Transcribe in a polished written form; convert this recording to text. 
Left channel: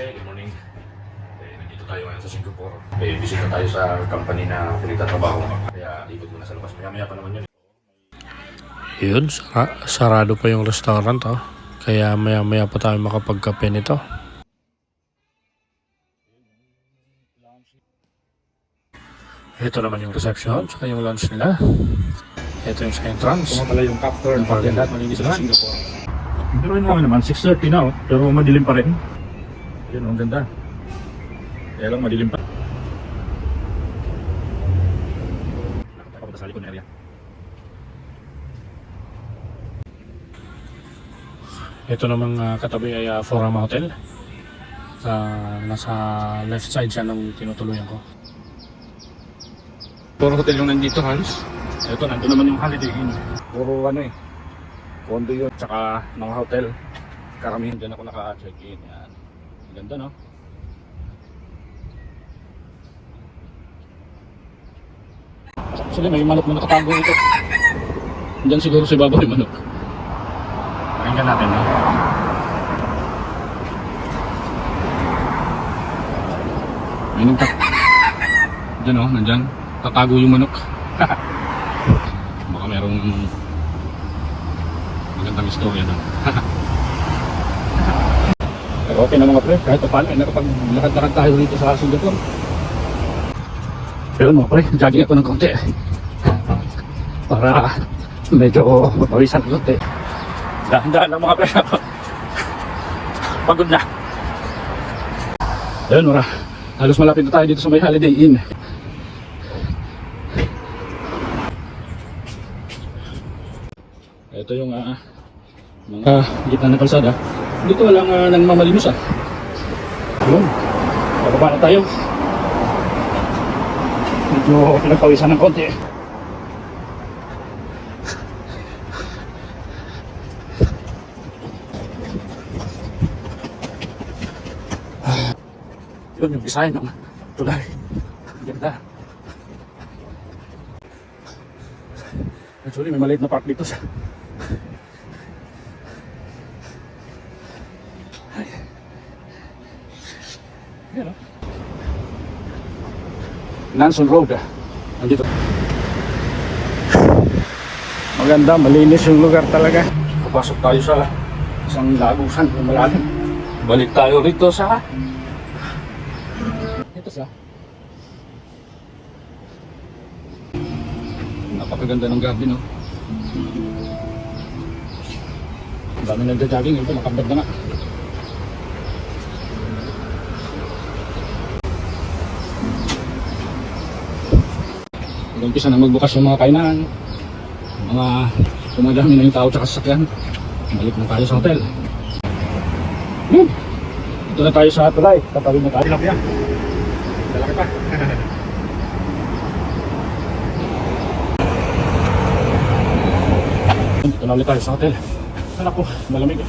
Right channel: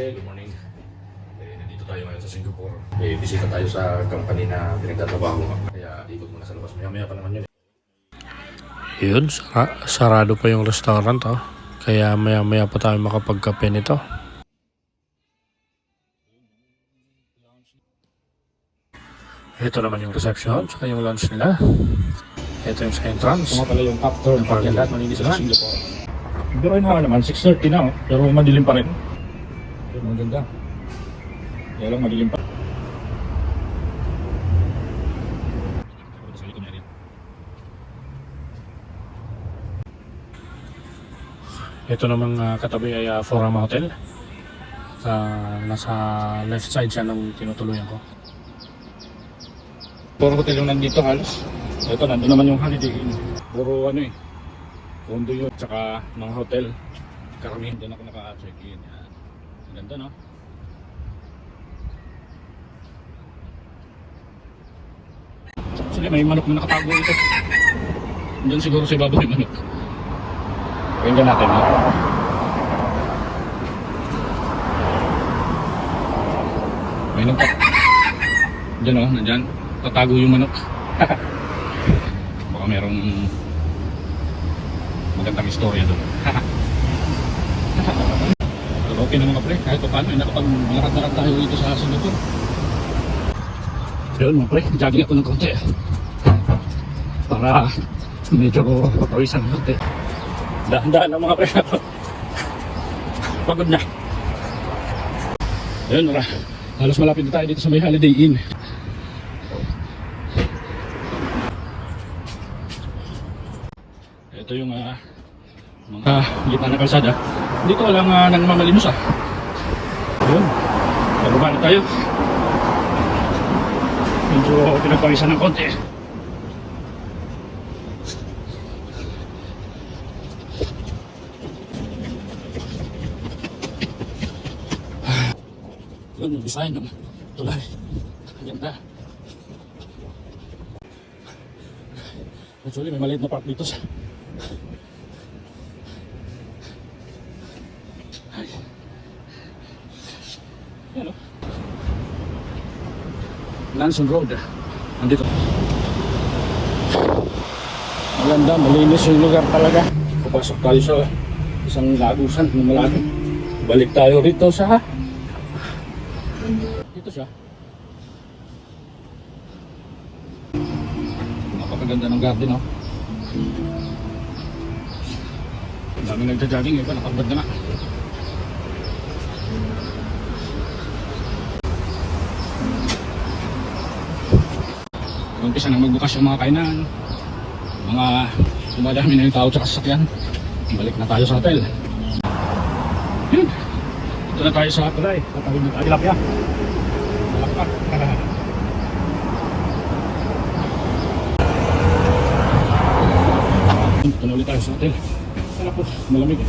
Okay, good morning. Nandito tayo ngayon sa Singapore. Bisita tayo sa company na pinagtatrabaho. Kaya ikot muna sa labas. Maya-maya pa naman yun. Yun, sarado pa yung restaurant Kaya maya-maya pa tayo makapagkape nito. Ito naman yung reception, saka yung lunch nila. Ito yung sa entrance. Ito pala yung capture ng Napakaganda at malinis sa naman. Singapore. Pero ano nga naman, 6:30 na pero madilim pa rin. Yun, ang ganda. Kaya lang madilim pa. Papunta sa likod na area. Ito namang katabi ay Forama Hotel. Nasa left side siya nung tinutuluyan ko. Puro hotel yung nandito halos. Ito, nandun naman yung Holiday Inn. Puro condo yun, tsaka mga hotel. Karamihan din ako naka-check-in. Yan. Ganda, no? Actually, may manok na nakatago dito. Diyan siguro si Baba may manok. Pakinggan natin, ha? May nagtak. Diyan, oh, nandyan. Tatago yung manok. Baka merong magandang istorya doon. Pero okay na mga pre, kahit pa paano ay nakapag-lakad-lakad tayo rito sa Singapore. Ayun mga pre, jogging ako ng konti para medyo pawisan ng konti. Dahan-dahan na mga pre, pagod na. Ayun halos malapit na tayo dito sa may Holiday Inn. Ito yung mga gitna ng kalsada. Dito walang nang mamalimos Ayun. Bababa na tayo. Medyo pinagpawisan ng konti. Yun yung design ng tulay. Ganda. Actually may maliit na park dito sa Lanson Road. Nandito. Maganda, malinis yung lugar talaga. Papasok tayo sa isang lagusan ng malalim. Balik tayo rito sa ito siya. Napakaganda ng garden, no? Ang daming nagja-jogging, ito nakabad na nga. Umpisa na magbukas yung mga kainan, mga tumadami na yung tao sa sasakyan. Balik na tayo sa hotel. Yun, ito na tayo sa tulay. Tatawid na tayo. Tilapia. Malaki pa. Ito na ulit tayo sa hotel. Anak ko, malamig